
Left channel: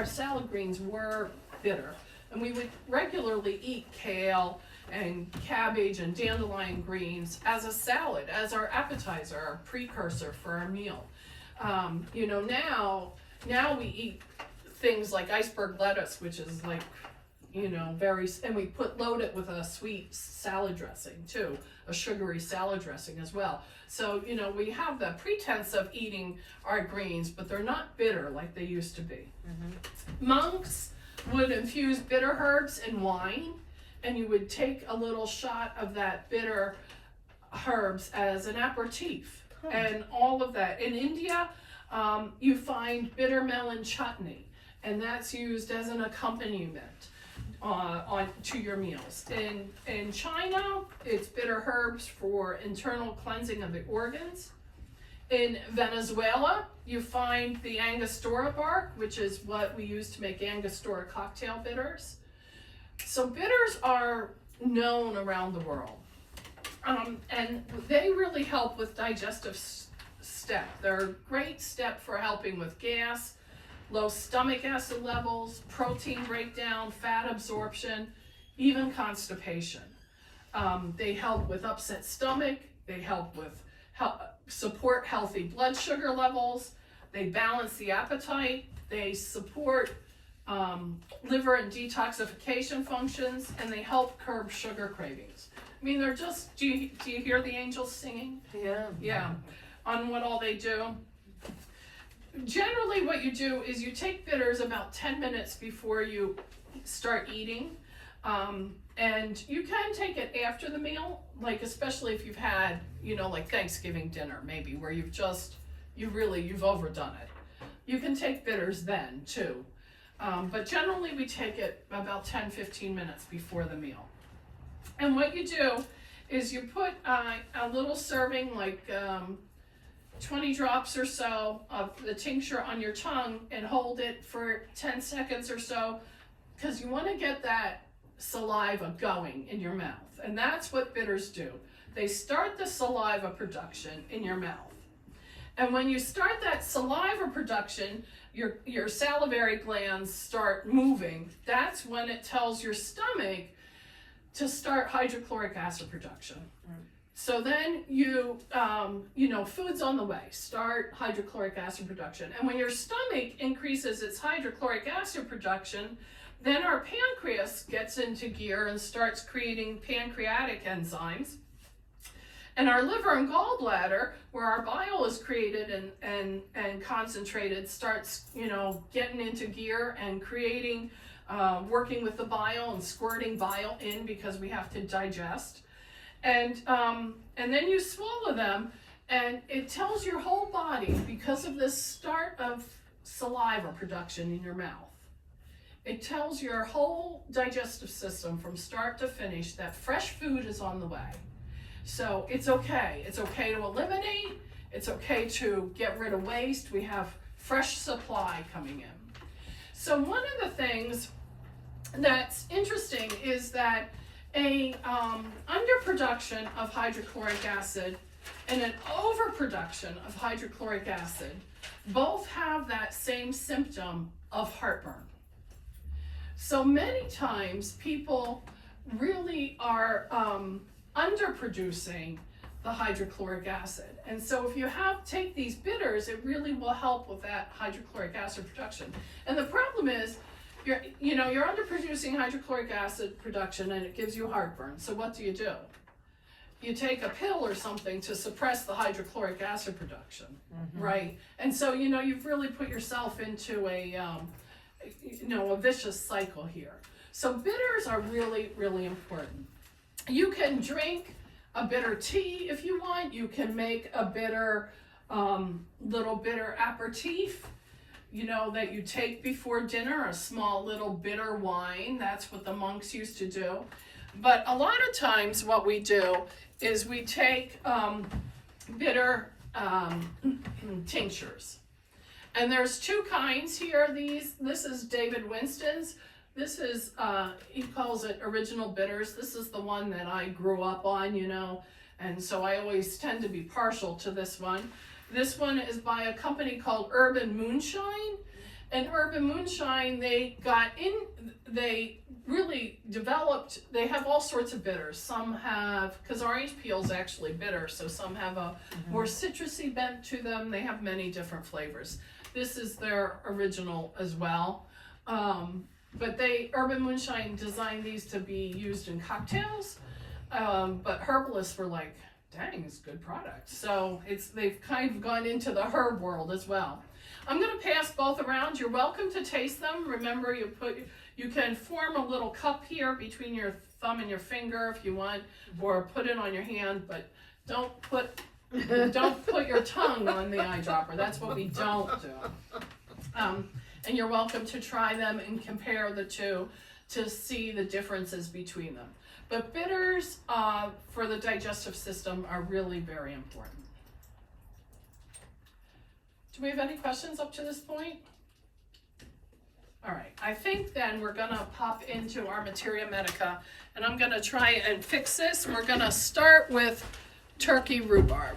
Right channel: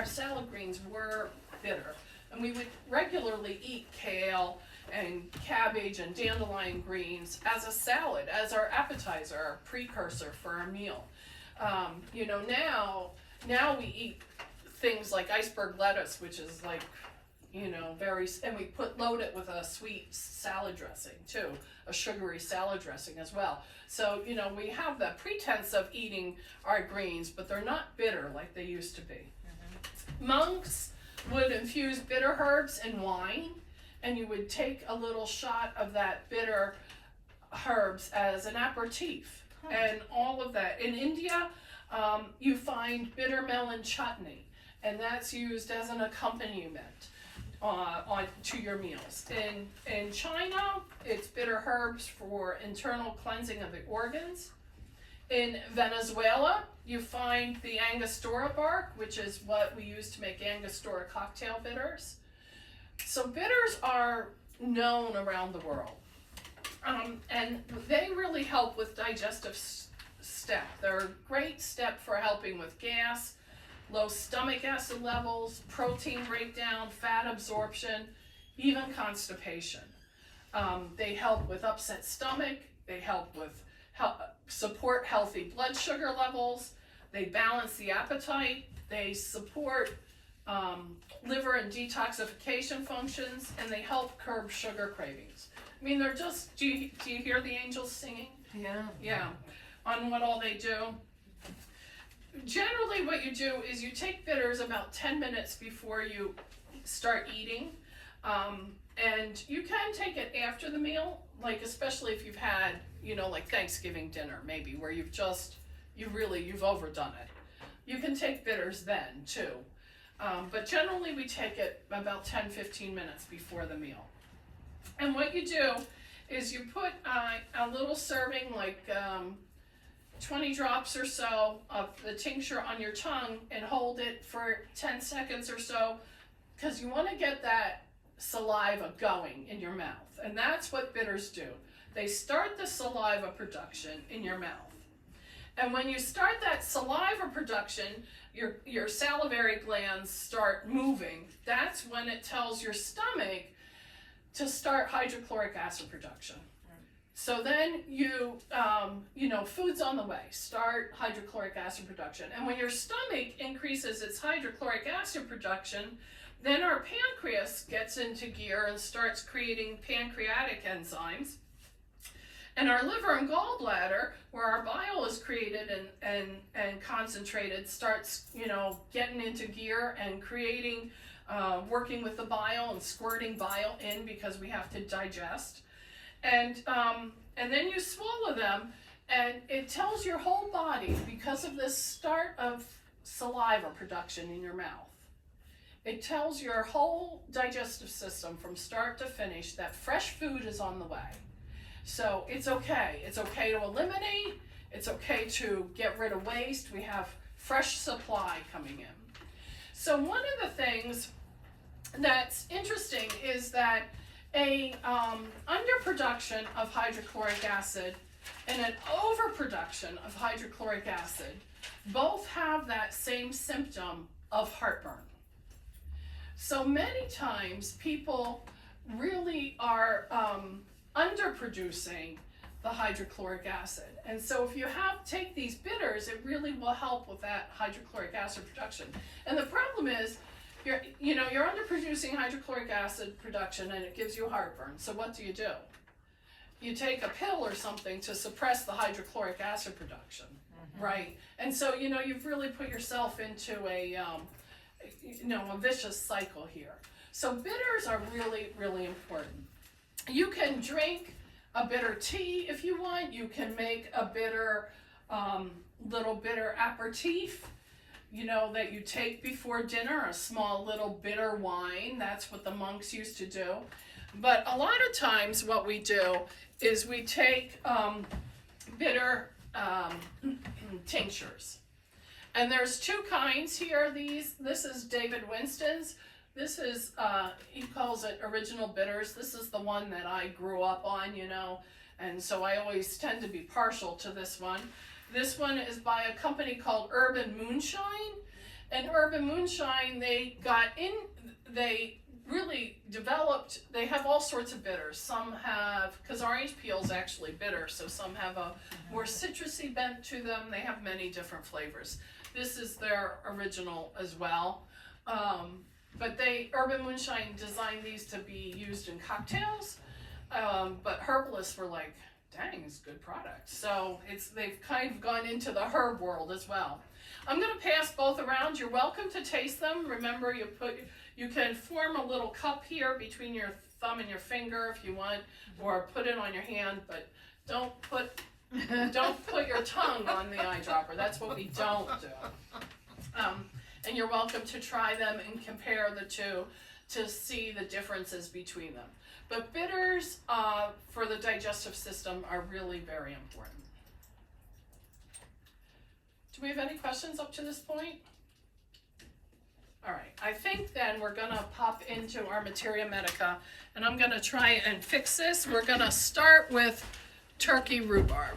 salad greens were bitter. And we would regularly eat kale and cabbage and dandelion greens as a salad, as our appetizer, our precursor for our meal. You know, now we eat things like iceberg lettuce, which is like, you know, and we load it with a sweet salad dressing too, a sugary salad dressing as well. So, you know, we have the pretense of eating our greens, but they're not bitter like they used to be. Mm-hmm. Monks would infuse bitter herbs in wine, and you would take a little shot of that bitter herbs as an aperitif, and all of that. In India, you find bitter melon chutney, and that's used as an accompaniment to your meals. In China, it's bitter herbs for internal cleansing of the organs. In Venezuela, you find the Angostura bark, which is what we use to make Angostura cocktail bitters. So bitters are known around the world, and they really help with digestive step. They're a great step for helping with gas, low stomach acid levels, protein breakdown, fat absorption, even constipation. They help with upset stomach. They help with support healthy blood sugar levels. They balance the appetite. They support liver and detoxification functions, and they help curb sugar cravings. I mean, they're just, do you hear the angels singing? Yeah. Yeah, on what all they do. Generally what you do is you take bitters about 10 minutes before you start eating. And you can take it after the meal, like especially if you've had, you know, like Thanksgiving dinner maybe, where you've overdone it. You can take bitters then too. But generally we take it about 10-15 minutes before the meal. And what you do is you put a little serving, like 20 drops or so of the tincture on your tongue and hold it for 10 seconds or so, because you want to get that saliva going in your mouth. And that's what bitters do. They start the saliva production in your mouth. And when you start that saliva production, your salivary glands start moving. That's when it tells your stomach to start hydrochloric acid production. So then you know, food's on the way, start hydrochloric acid production. And when your stomach increases its hydrochloric acid production, then our pancreas gets into gear and starts creating pancreatic enzymes. And our liver and gallbladder, where our bile is created and concentrated, starts, you know, getting into gear and creating, working with the bile and squirting bile in because we have to digest. And then you swallow them, and it tells your whole body, because of this start of saliva production in your mouth, it tells your whole digestive system from start to finish that fresh food is on the way. So it's okay. It's okay to eliminate. It's okay to get rid of waste. We have fresh supply coming in. So one of the things that's interesting is that a underproduction of hydrochloric acid and an overproduction of hydrochloric acid both have that same symptom of heartburn. So many times people really are underproducing the hydrochloric acid. And so if you take these bitters, it really will help with that hydrochloric acid production. And the problem is, you're underproducing hydrochloric acid production and it gives you heartburn. So what do? You take a pill or something to suppress the hydrochloric acid production, right? And so, you know, you've really put yourself into a vicious cycle here. So bitters are really, really important. You can drink a bitter tea if you want. You can make a bitter, little bitter aperitif, you know, that you take before dinner, a small little bitter wine. That's what the monks used to do. But a lot of times what we do is we take bitter tinctures. And there's two kinds here. This is David Winston's. This is, he calls it original bitters. This is the one that I grew up on, you know, and so I always tend to be partial to this one. This one is by a company called Urban Moonshine. And Urban Moonshine, they really developed, they have all sorts of bitters. Some have, because orange peel is actually bitter, so some have a more citrusy bent to them. They have many different flavors. This is their original as well. But Urban Moonshine designed these to be used in cocktails, but herbalists were like, dang, it's a good product. So they've kind of gone into the herb world as well. I'm gonna pass both around. You're welcome to taste them. Remember, you can form a little cup here between your thumb and your finger if you want, or put it on your hand, but don't put your tongue on the eyedropper. That's what we don't do. And you're welcome to try them and compare the two to see the differences between them. But bitters for the digestive system are really very important. Do we have any questions up to this point? All right, I think then we're gonna pop into our materia medica, and I'm gonna try and fix this. We're gonna start with turkey rhubarb.